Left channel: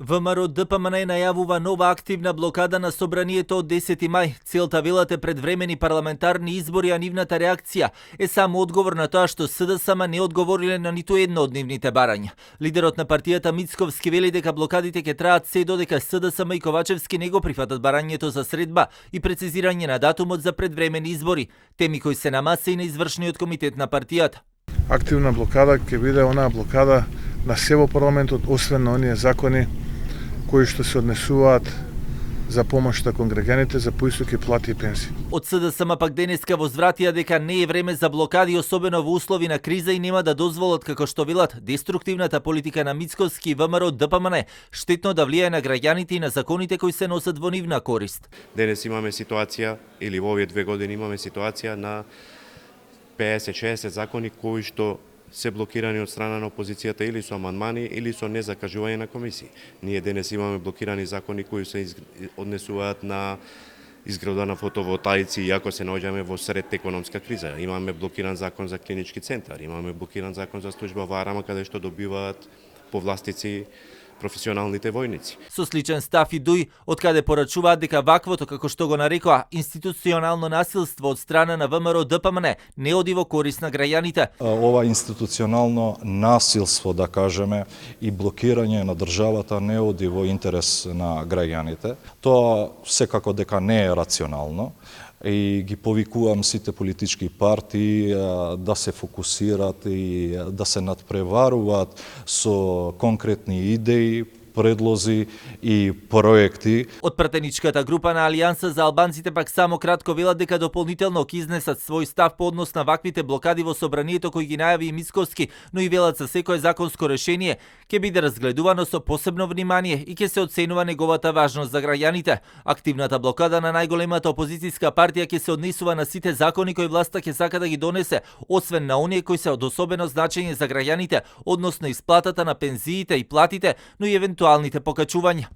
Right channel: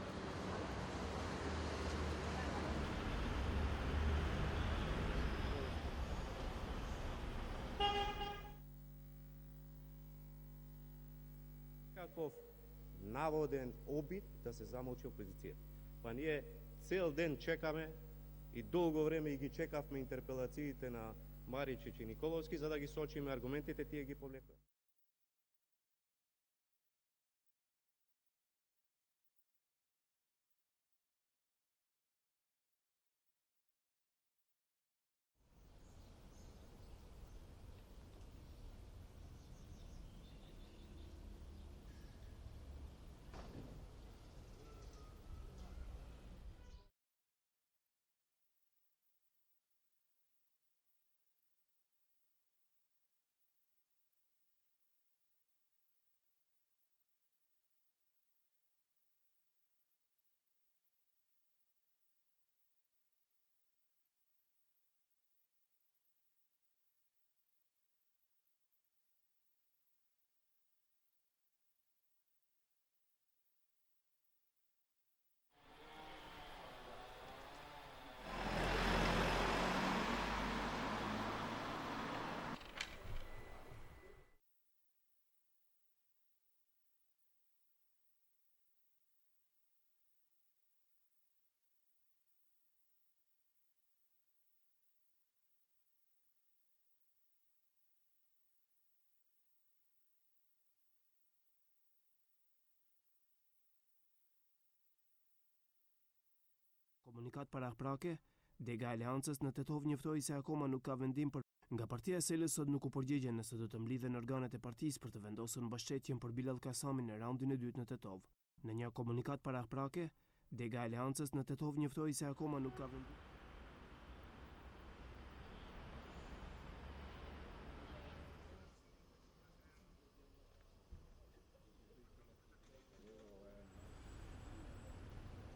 ВМРО ДПМН најавува нова активна блокада на собранието од 10 мај. Целта велат е предвремени парламентарни избори, а нивната реакција е само одговор на тоа што СДСМ не одговориле на ниту едно од нивните барања. Лидерот на партијата Мицковски вели дека блокадите ќе траат се додека СДСМ и Ковачевски не го прифатат барањето за средба и прецизирање на датумот за предвремени избори, теми кои се на маса и на извршниот комитет на партијата. Активна блокада ќе биде онаа блокада на се во парламентот, освен на оние закони кои што се однесуваат за помошта кон граѓаните за поистоки плати и пенсии. Од СДСМ пак денеска возвратија дека не е време за блокади, особено во услови на криза, и нема да дозволат, како што велат, деструктивната политика на Мицковски и ВМРО ДПМН штетно да влијае на граѓаните и на законите кои се носат во нивна корист. Денес имаме ситуација, или во овие 2 години имаме ситуација на 50-60 закони кои што се блокирани од страна на опозицијата или со амандмани или со незакажување на комисии. Ние денес имаме блокирани закони кои се однесуваат на изградба на фотоволтаици, иако се наоѓаме во сред економска криза. Имаме блокиран закон за клинички центар, имаме блокиран закон за служба во Арама, каде што добиваат повластици професионалните војници. Со сличен став и Дуј, од каде порачуваат дека ваквото, како што го нарекоа, институционално насилство од страна на ВМРО ДПМН не оди во корист на граѓаните. Ова институционално насилство, да кажеме, и блокирање на државата не оди во интерес на граѓаните. Тоа секако дека не е рационално и ги повикувам сите политички партии да се фокусират и да се надпреваруваат со конкретни идеи, предлози и проекти. Од пратеничката група на Алијанса за албанците пак само кратко велат дека дополнително ќе изнесат свој став по однос на ваквите блокади во собранието кој ги најави и Мицковски, но и велат за секое законско решение ќе биде разгледувано со посебно внимание и ќе се оценува неговата важност за граѓаните. Активната блокада на најголемата опозицијска партија ќе се однесува на сите закони кои власта ќе сака да ги донесе, освен на оние кои се од особено значење за граѓаните, односно исплатата на пензиите и платите, но и евентуалните покачувања.